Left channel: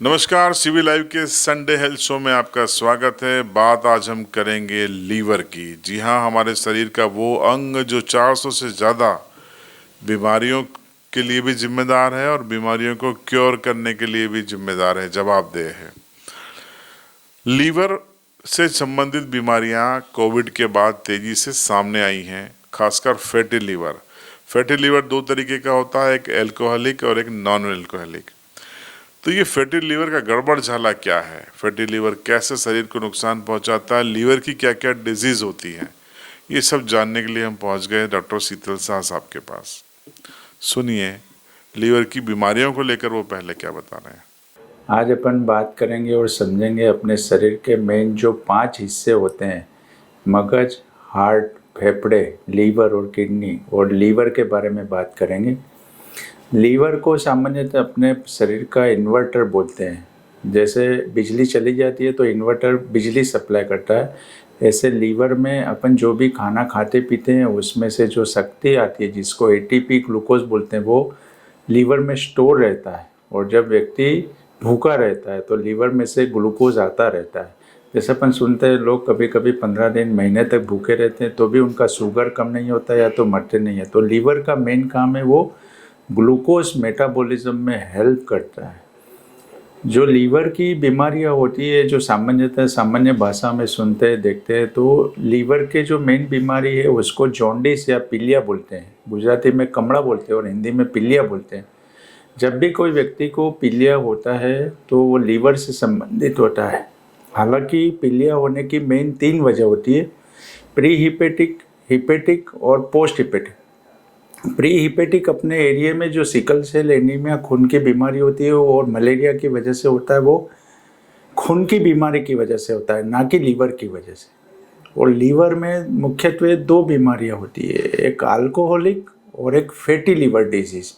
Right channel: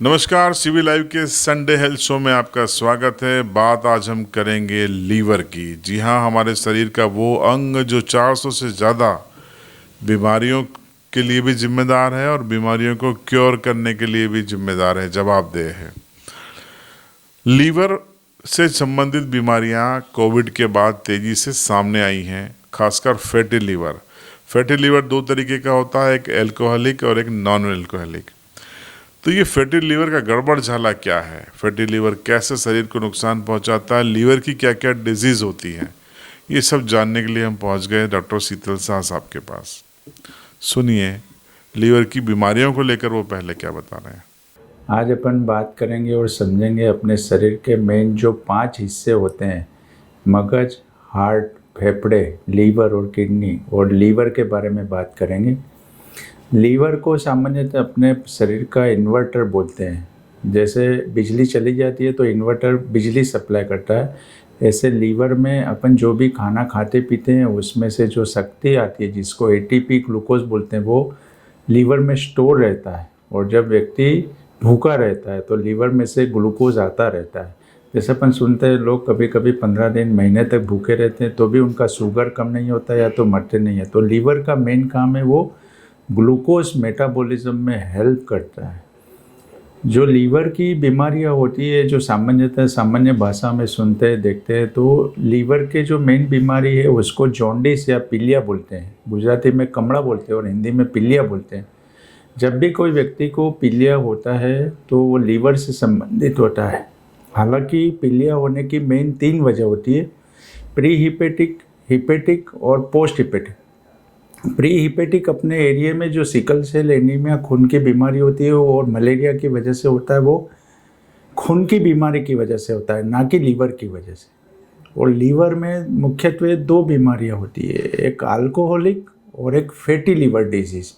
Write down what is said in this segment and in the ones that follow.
नमस्कार, CV live के Sunday health show में आपका स्वागत है। बात आज हम करेंगे लीवर की। जी हाँ, हमारे शरीर का वो अंग जो 400 से ज़्यादा बीमारियों के लिए भी जिम्मेदार है और बीमारियों को क्योर करने के लिए भी जिम्मेदार है, जवाबदेह है। लीवर से संबंधित बीमारियां कोविड के बाद तेजी से सामने आई हैं, खासकर फैटी लीवर। फैटी लीवर दो तरीके का होता है, एक एल्कोहलिक और एक नॉन एल्कोहलिक। तो ये फैटी लीवर का गड़बड़ झाला क्या है, फैटी लीवर कैसे शरीर को नुकसान पहुंचाता है, लीवर की क्या क्या डिजीज होती हैं, ये सब जानने के लिए हम पहुंच गए डॉक्टर शीतल शाह साहब के पास। सुनिए लीवर की बीमारियों को लेकर वो पहले क्या बता रहे हैं। आज अपन बात करेंगे और समझेंगे अपने शरीर के मेन जो 5 हिस्से होते हैं, मगज, हार्ट, फेफड़े, लीवर और किडनी, और लीवर के बारे में बात करेंगे। लीवर को सामान्यतः अपने शरीर का इन्वर्टर बोलते हैं। जैसे बिजली चली जाती है तो इन्वर्टर बिजली सप्लाई करता है, ऐसे लीवर में अपन जो भी खाना खाते पीते हैं उसमें से जो शक्ति आती है, जिसको एटीपी ग्लूकोज बोलते हैं, वो लीवर में स्टोर रहता है। और जब व्यक्ति भूखा रहता है तो लीवर में से ग्लूकोज आता रहता है। जैसे अपन सुनते हैं लोग कभी कभी 15 दिन महीने तक भूखे रहते हैं तो भी उनका शुगर कम नहीं होता या तो मरते नहीं है। तो लीवर का मेन काम है वो ग्लूकोज मेटाबॉलिज्म में हेल्प करता है। जो लीवर की बीमारियां होती है, जो सामान्य भाषा में सुनते हैं देखते हैं, तो लीवर के जो मेन बीमारी है उसको जॉन्डिस या पीलिया बोलते हैं। गुजराती में कमड़ा बोलते हैं और हिंदी में पीलिया बोलते हैं। जब भी कोई व्यक्ति को पीलिया होता है तो वो लीवर से संबंधित होता है। हालांकि पीलिया होने की मेन 3 वजह होती है, प्री हिपेटिक, हिपेटिक और पोस्ट हिपेटिक। प्री हिपेटिक अपने एरिया में जो सिकल सेल एनीमिया खून की बीमारी होती है और मलेरिया की वजह से होता है, वो खून की बीमारी की वजह से होता है, ना कि लीवर की वजह से। और लीवर में मुख्यत्वे 2 बीमारियां होती है, एक अल्कोहलिक और एक फैटी लीवर डिजीज़।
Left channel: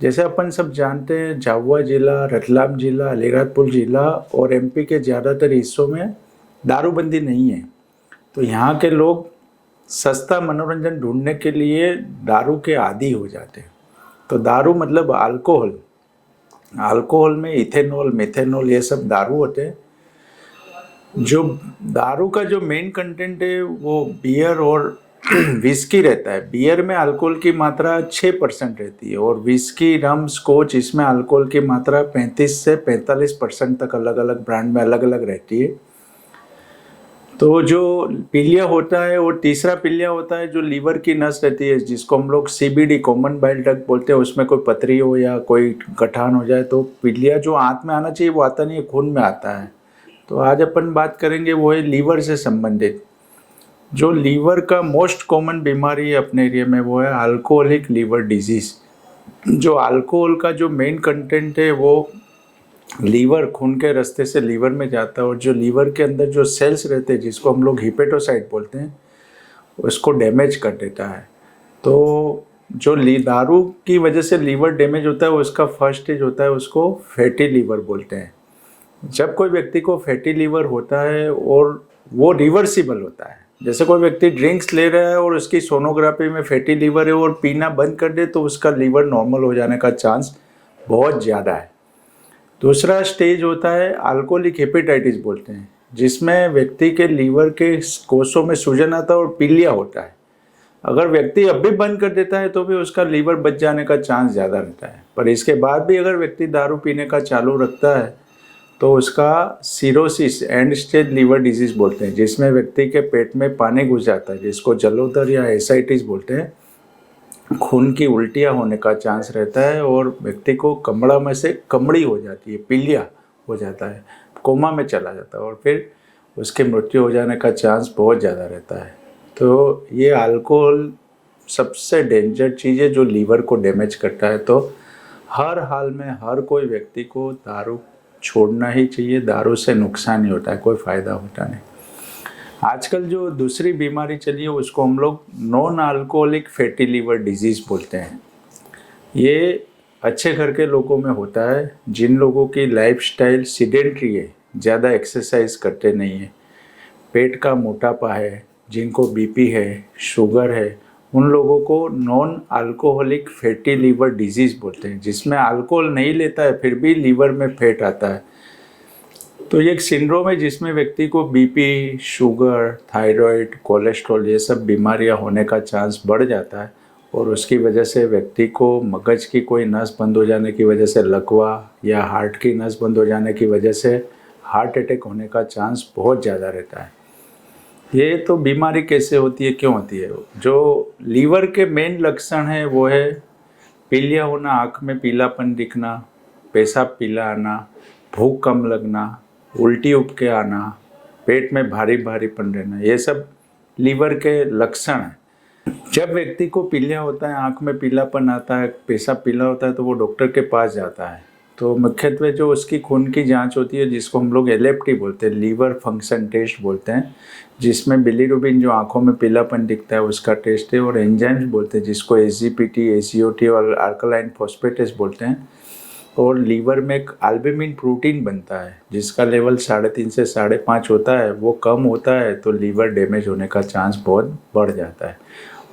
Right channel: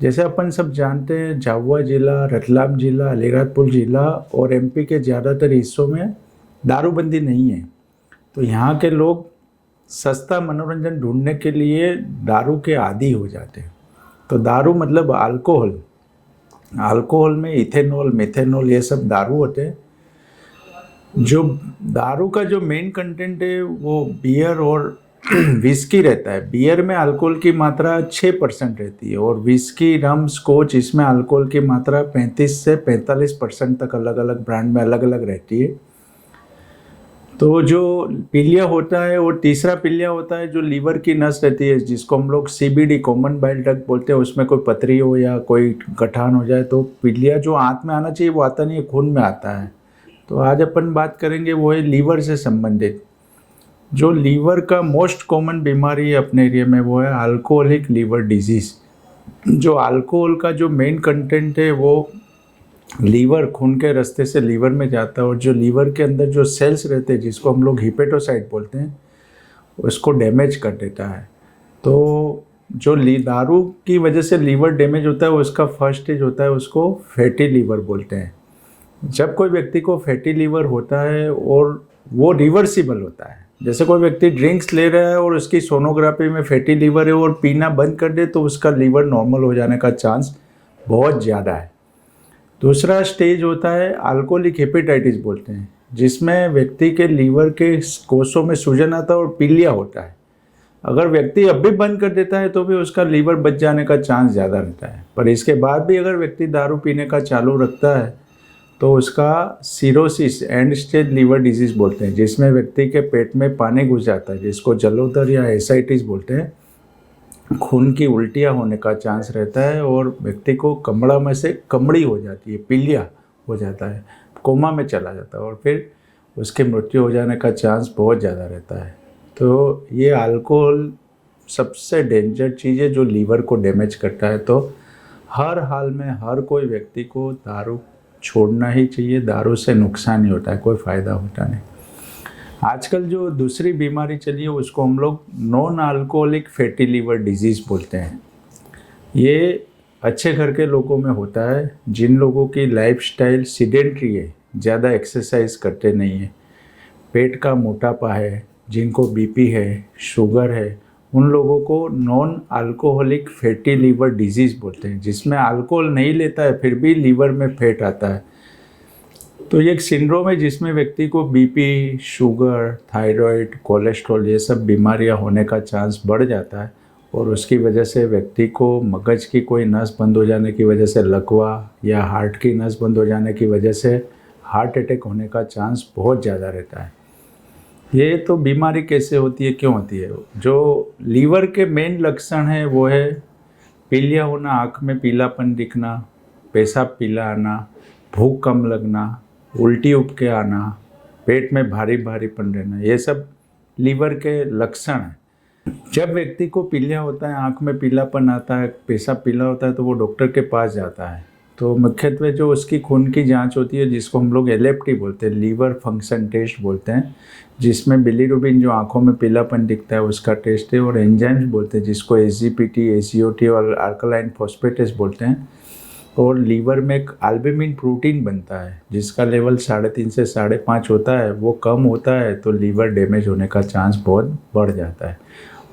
जैसे अपन सब जानते हैं, झाबुआ जिला, रतलाम जिला, अलीराजपुर जिला और एमपी के ज़्यादातर हिस्सों में दारूबंदी नहीं है। तो यहाँ के लोग सस्ता मनोरंजन ढूंढने के लिए दारू के आदी हो जाते हैं। तो दारू मतलब अल्कोहल। अल्कोहल में इथेनॉल, मिथेनॉल, ये सब दारू होते हैं। जो दारू का जो मेन कंटेंट है वो बियर और विस्की रहता है। बियर में अल्कोहल की मात्रा 6% रहती है और विस्की, रम, स्कॉच, इसमें अल्कोहल की मात्रा 35 से 45% तक अलग अलग ब्रांड में अलग अलग रहती है। तो जो पीलिया होता है, और तीसरा पीलिया होता है जो लीवर की नस रहती है, जिसको हम लोग सीबीडी, कॉमन बाइल डक्ट बोलते हैं। उसमें कोई पथरी हो या कोई गठान हो जाए तो पीलिया जो आंत में आना चाहिए वो आता नहीं है, खून में आता है। तो आज अपन बात करेंगे वो है लीवर से संबंधित। जो लीवर का मोस्ट कॉमन बीमारी है अपने एरिया में वो है अल्कोहलिक लीवर डिजीज़। जो अल्कोहल का जो मेन कंटेंट है वो लीवर, खून के रास्ते से लीवर में जाता है और जो लीवर के अंदर जो सेल्स रहते हैं, जिसको हम लोग हिपेटोसाइट बोलते हैं, उसको डैमेज कर देता है। तो जो दारू की वजह से लीवर डैमेज होता है उसका फर्स्ट स्टेज होता है, उसको फैटी लीवर बोलते हैं। जब कोई व्यक्ति को फैटी लीवर होता है और वो रिवर्सिबल होता है, जैसे कोई व्यक्ति ड्रिंक्स ले रहा है और उसकी सोनोग्राफी में फैटी लीवर है और पीना बंद कर दे तो उसका लीवर नॉर्मल हो जाने का चांस बहुत ज़्यादा है। दूसरा स्टेज होता है अल्कोहलिक हेपेटाइटिस बोलते हैं, जिसमें व्यक्ति के लीवर के कोषों में सूजन आता है और पीलिया होता है। अगर व्यक्ति अब भी बंद कर देता है तो भी उसका लीवर बच जाने का चांस ज़्यादा रहता है। पर इसके बाद भी अगर व्यक्ति दारू पीने का चालू रखता है तो उसका cirrhosis, end stage liver disease बोलते हैं, जिसमें व्यक्ति के पेट में पानी घुस जाता है, जिसको जलोदर या एसाइटिस बोलते हैं। खून की उल्टियाँ होने का चांस रहता है और व्यक्ति को कमड़ा में से कमड़ी हो जाती है, पीलिया हो जाता है, कोमा में चला जाता है और फिर उसकी मृत्यु हो जाने का चांस बहुत ज़्यादा रहता है। तो ये अल्कोहल सबसे डेंजर चीज़ है जो लीवर को डैमेज करता है। तो हर हाल में हर कोई व्यक्ति को दारू छोड़ना ही चाहिए। दारू से नुकसान ही होता है, कोई फ़ायदा होता नहीं। आजकल जो दूसरी बीमारी चली है उसको हम लोग non alcoholic fatty liver disease बोलते हैं। ये अच्छे घर के लोगों में होता है, जिन लोगों की लाइफस्टाइल सीडेंट्री है, ज़्यादा एक्सरसाइज करते नहीं है, पेट का मोटापा है, जिनको बीपी है, शुगर है उन लोगों को non alcoholic fatty liver disease बोलते हैं, जिसमें अल्कोहल नहीं लेता है फिर भी लीवर में फैट आता है। तो ये एक सिंड्रोम है जिसमें व्यक्ति को बीपी, शुगर, थायराइड, कोलेस्ट्रॉल ये सब बीमारियां होने का चांस बढ़ जाता है और उसकी वजह से व्यक्ति को मगज की कोई नस बंद हो जाने की वजह से लकवा या हार्ट की नस बंद हो जाने की वजह से हार्ट अटैक होने का चांस बहुत ज़्यादा रहता है। ये तो बीमारी कैसे होती है, क्यों होती है? जो लीवर के मेन लक्षण हैं वो है पीलिया होना, आँख में पीलापन दिखना, पेशाब पीला आना, भूख कम लगना, उल्टी उपके आना, पेट में भारी भारीपन रहना, ये सब लीवर के लक्षण हैं। जब व्यक्ति को पीलिया होता है, आँख में पीलापन आता है, पेशाब पीला होता है तो वो डॉक्टर के पास जाता है। तो मुख्यत्वे जो उसकी खून की जांच होती है जिसको हम लोग एलएफटी बोलते हैं, लीवर फंक्शन टेस्ट बोलते हैं, जिसमें बिलीरुबिन जो आँखों में पीलापन दिखता है उसका टेस्ट है, और एंजाइम्स बोलते हैं जिसको एसजीपीटी, एसीओटी और अल्कलाइन फॉस्फेटेस बोलते हैं। और लीवर में एक एल्बुमिन प्रोटीन बनता है जिसका लेवल 3.5 से 5.5 होता है, वो कम होता है तो लीवर डैमेज होने का चांस बहुत बढ़ जाता है।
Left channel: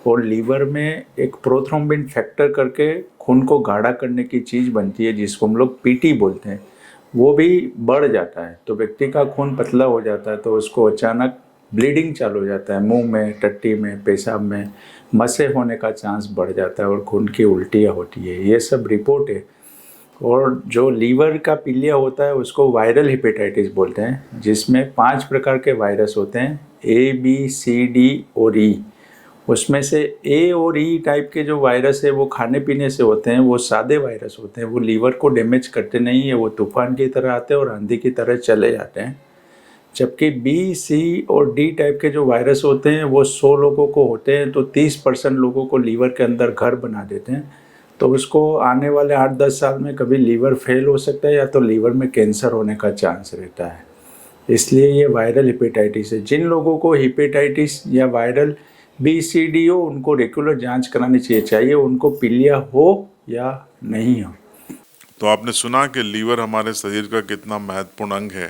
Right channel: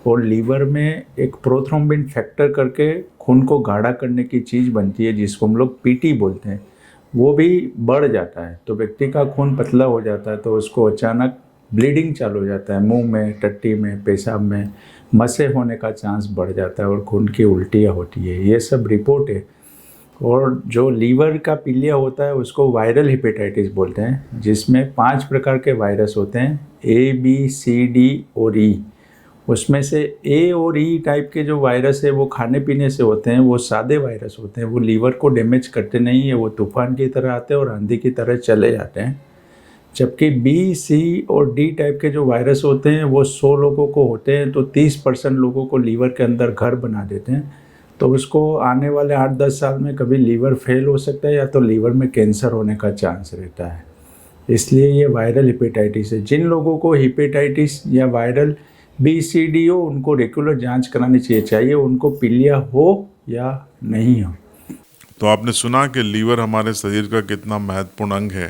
और लीवर में एक प्रोथ्रोम्बिन फैक्टर करके खून को गाढ़ा करने की चीज़ बनती है जिसको हम लोग पीटी बोलते हैं, वो भी बढ़ जाता है तो व्यक्ति का खून पतला हो जाता है, तो उसको अचानक ब्लीडिंग चालू हो जाता है, मुंह में, टट्टी में, पेशाब में मसे होने का चांस बढ़ जाता है और खून की उल्टियाँ होती है। ये सब रिपोर्ट है। और जो लीवर का पीलिया होता है उसको वायरल हेपेटाइटिस बोलते हैं, जिसमें 5 प्रकार के वायरस होते हैं, ए, बी, सी, डी और ई। उसमें से ए और ई टाइप के जो वायरस है वो खाने पीने से होते हैं, वो सादे वायरस होते हैं, वो लीवर को डैमेज करते नहीं है, वो तूफान की तरह आते हैं और आंधी की तरह चले जाते हैं। जबकि बी, सी और डी टाइप के जो वायरस होते हैं वो 100 लोगों को होते हैं तो 30% लोगों को लीवर के अंदर घर बना देते हैं, तो उसको आने वाले 8-10 साल में कभी लीवर फेल हो सकता है या तो लीवर में कैंसर होने का चांस रहता है। इसलिए ये वायरल हेपेटाइटिस है। जिन लोगों को हेपेटाइटिस या वायरल बी, सी, डी हो उनको रेगुलर जांच करानी चाहिए, चाहे उनको पीलिया हो या नहीं हो। तो आपने सुना कि लीवर हमारे शरीर का कितना महत्वपूर्ण अंग है,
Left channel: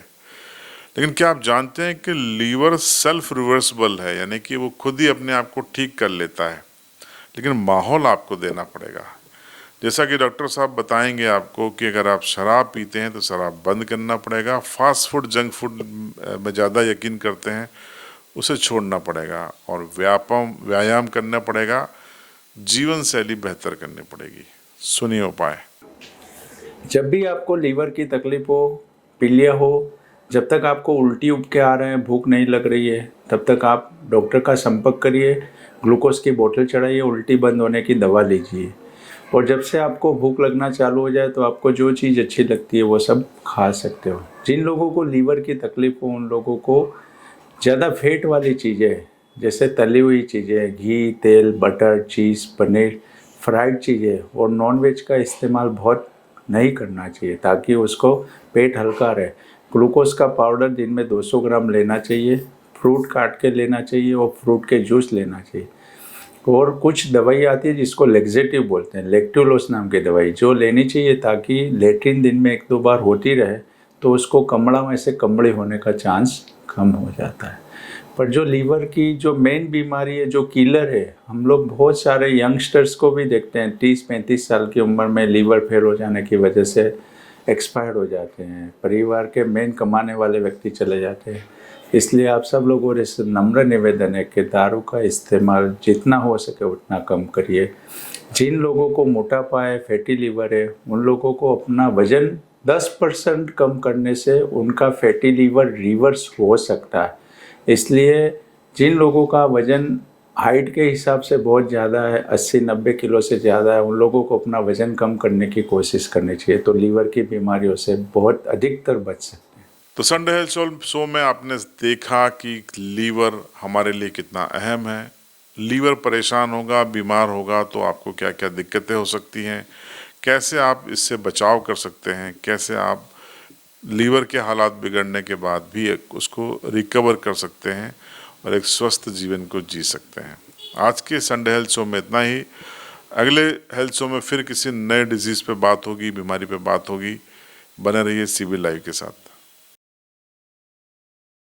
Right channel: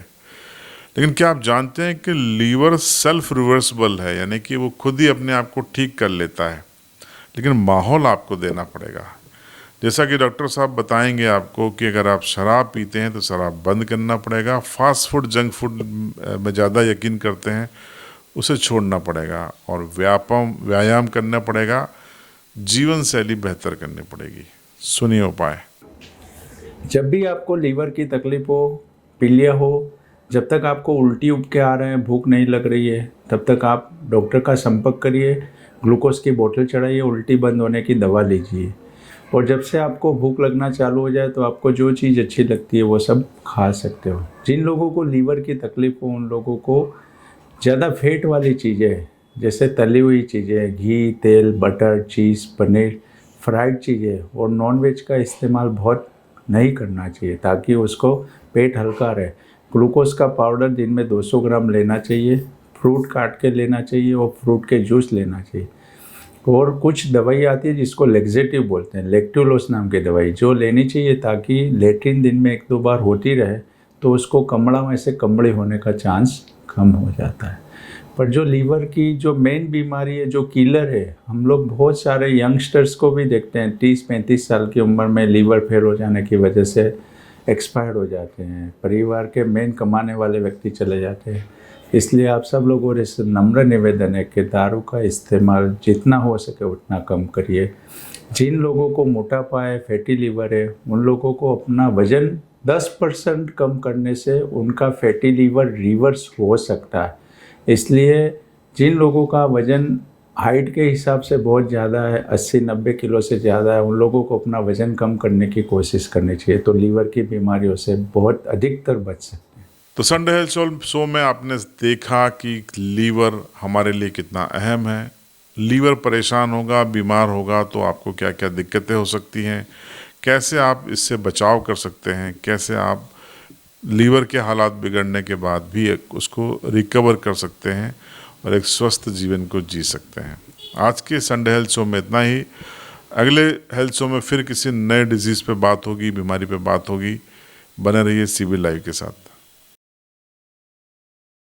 लेकिन क्या आप जानते हैं कि लीवर सेल्फ रिवर्सिबल है, यानी कि वो खुद ही अपने आप को ठीक कर लेता है, लेकिन माहौल आपको देना पड़ेगा। जैसा कि डॉक्टर साहब बताएंगे आपको कि अगर आप शराब पीते हैं तो शराब बंद करना पड़ेगा, फास्ट फूड, जंक फूड में ज़्यादा यकीन करते हैं उसे छोड़ना पड़ेगा, और व्यायाम करना पड़ेगा, जीवन शैली बेहतर करनी पड़ेगी। सुनिए उपाय। जब भी आपको लीवर की तकलीफ हो, पीलिया हो, जब तक आपको उल्टी उपके आ रहे हैं, भूख नहीं लग रही है, तब तक आप डॉक्टर का संपर्क करिए, ग्लूकोज की बोतल चढ़ाइए, उल्टी बंद होने की दवा लीजिए। और जब से आपको भूख लगना चालू हो जाए तो आपको जो चीज़ अच्छी लगती है वो सब खा सकते हो। जिन लोगों को लीवर की तकलीफ हो उन लोगों को ज़्यादा फैट वाली चीज़ें, जैसे तली हुई चीज़ें, घी, तेल, बटर, चीज़, पनीर, फ्राइड चीज़ें और नॉनवेज का इस्तेमाल बहुत नहीं करना चाहिए ताकि उसको पेट हल्का रहे। ग्लूकोज का पाउडर दिन में 200 ग्राम लेना चाहिए, फ्रूट काट के लेना चाहिए और फ्रूट के जूस लेना चाहिए। और कुछ दवाई आती है जिसको लेक्सेटिव बोलते हैं, लेक्टुलोस नाम की दवाई, जो लेनी चाहिए ताकि लेट्रिन दिन में 1-2 बार होती रहे तो उसको कमड़ा में से कमड़े होने का चांस कम हो जाता है। पर जो लीवर की जो मेन बीमारी है, जो किलर है, हम लोग बहुत सारे यंगस्टर्स को भी देखते हैं 30-35 साल की उम्र में लीवर फेल हो जाने की वजह से एक्सपायर्ड हो जाते हैं, परिवार के मेन कमाने वाले व्यक्ति चले जाते हैं। इसलिए आप सब लोगों से नम्र निवेदन है कि दारू का इस्तेमाल जितना हो सके उतना कम करिए। जिन लोगों को मोटापा है, फैटी लीवर है, उन लोगों को अपना वज़न 10% कम करने से उनका फैटी लीवर रिवर्स हो सकता है। इसलिए जिन लोगों का वज़न हाइट के हिसाब से बहुत ज़्यादा है, 80-90 किलो से ज़्यादा है, उन लोगों को अपना वज़न कम करने की कोशिश करनी चाहिए, तो लीवर की बीमारियों से बहुत अधिकतर बच सकते हैं। तो संडे हेल्थ शो में आपने देखा कि लीवर हमारे लिए कितना अहम है। लीवर परेशान होगा, बीमार होगा तो आपको क्या क्या दिक्कतें हो सकती हैं, कैसे आप इससे बचाव कर सकते हैं, कैसे आप लीवर के हालात बिगड़ने के बाद भी उसको रिकवर कर सकते हैं और एक स्वस्थ जीवन को जी सकते हैं। आज के संडे हेल्थ शो में इतना ही। अगले हेल्थ शो में फिर किसी नए डिजीज़ पे बात होगी, बीमारी पे बात होगी। बने रहिए CB लाइव के साथ।